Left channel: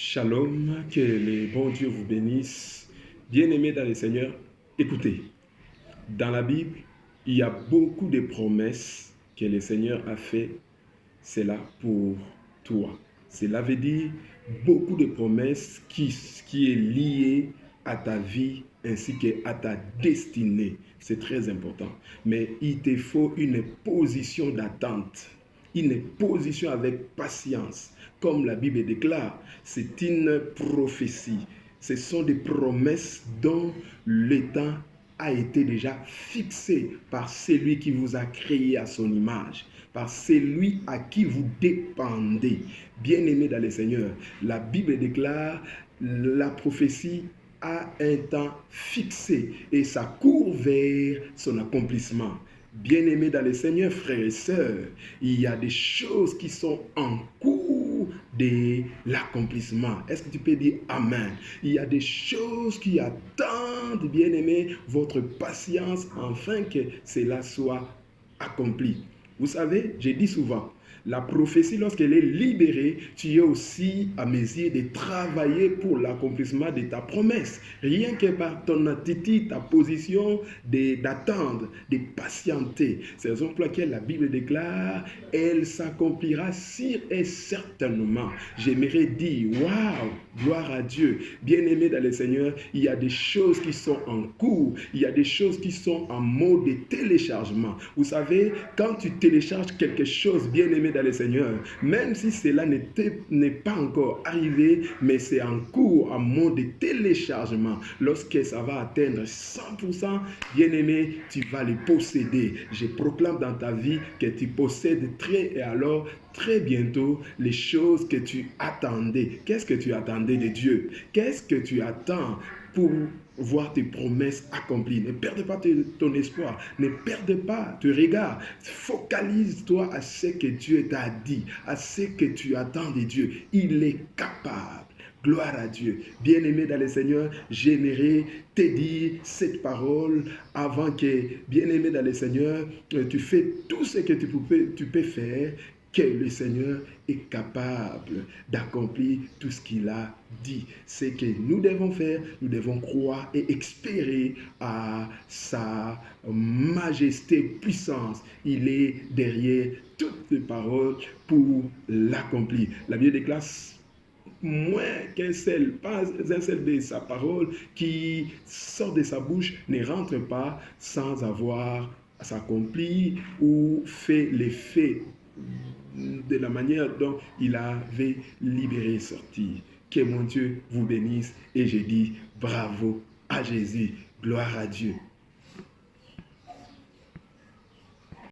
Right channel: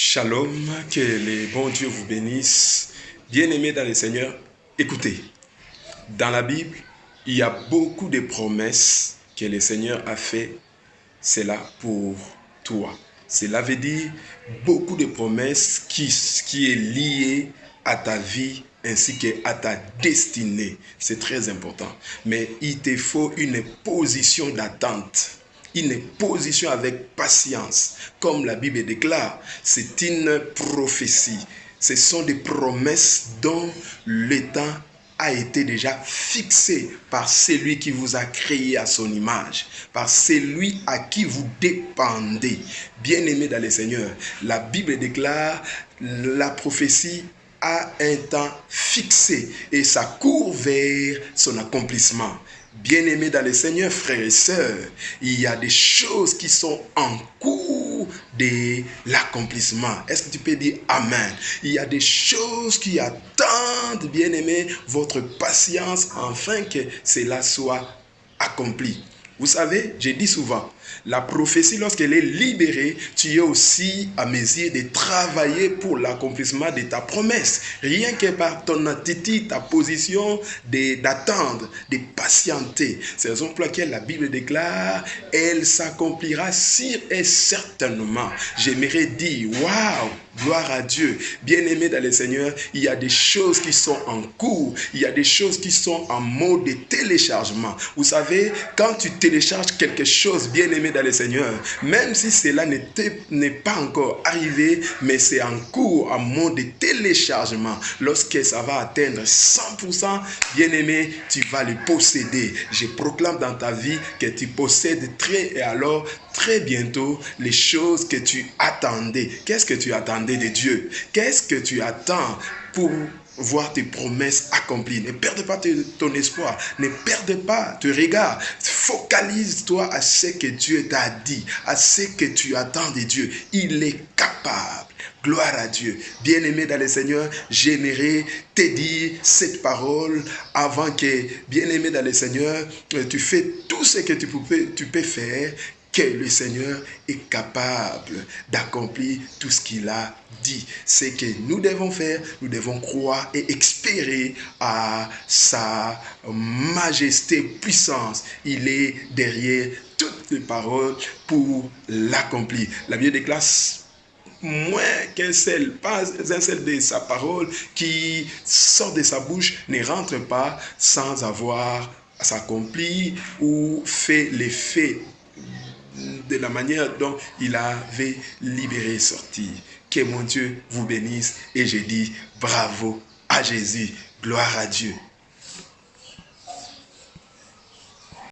Shalom, que les bons Dieu vous bénissent. Bien-aimés dans le Seigneur, écoutez, dans la Bible, il y a beaucoup de promesses que le Seigneur a fait, c'est là pour toi. Cela veut dire beaucoup de promesses qui est liée à ta vie ainsi qu'à ta destinée. C'est très important. Mais il te faut une position d'attente. Une position avec patience. Comme la Bible déclare, c'est une prophétie. Ce sont des promesses dont le temps a été déjà fixé par celui qui vous a créé à son image, par celui à qui vous dépendez. Bien-aimés dans le Seigneur, la Bible déclare la prophétie a un temps fixé et ça court vers son accomplissement. Bien-aimés dans le Seigneur, frères et sœurs, il y a des choses qui sont en cours de l'accomplissement. Est-ce que tu peux dire Amen? Il y a des choses qui attendent, bien-aimés, votre patience afin que cela soit accompli. Vous savez, j'ai dit souvent, la prophétie, lorsqu'elle est libérée, tu es aussi à mesure de travailler pour l'accomplissement de ta promesse. Rien que par ton attitude, ta position d'attendre, de patienter. C'est la raison pour laquelle la Bible déclare, elle s'accomplira sûr et certainement. J'aimerais dire, waouh, gloire à Dieu. Bien-aimé dans le Seigneur, il y a des choses qui sont en cours. Il y a des choses qui sont en mode de téléchargement. Vous savez, quand tu télécharges quelque chose, bien-aimé dans le Seigneur, même si cela n'est pas encore arrivé, mais c'est en cours, en mode de téléchargement. Lorsque ça va atteindre 100%, bien-aimé, tu vas le posséder. Je proclame dans ta vie que tu possèdes très bientôt les choses que tu attendais. Qu'est-ce que tu attendais de Dieu? Qu'est-ce que tu attends pour voir tes promesses accomplies? Ne perds pas ton espoir. Ne perds pas ton regard. Focalise-toi à ce que Dieu t'a dit, à ce que tu attends de Dieu. Il est capable. Gloire à Dieu. Bien-aimé dans le Seigneur, j'aimerais te dire cette parole avant que, bien-aimé dans le Seigneur, tu fais tout ce que tu peux faire, que le Seigneur est capable d'accomplir tout ce qu'il a dit. Ce que nous devons faire, nous devons croire et espérer à sa majesté, puissance. Il est derrière toutes les paroles pour l'accomplir. La Bible déclare moins pas un seul de sa parole qui sort de sa bouche ne rentre pas sans avoir s'accompli ou fait l'effet de la manière dont il avait libéré sortir. Que mon Dieu vous bénisse et je dis bravo à Jésus, gloire à Dieu.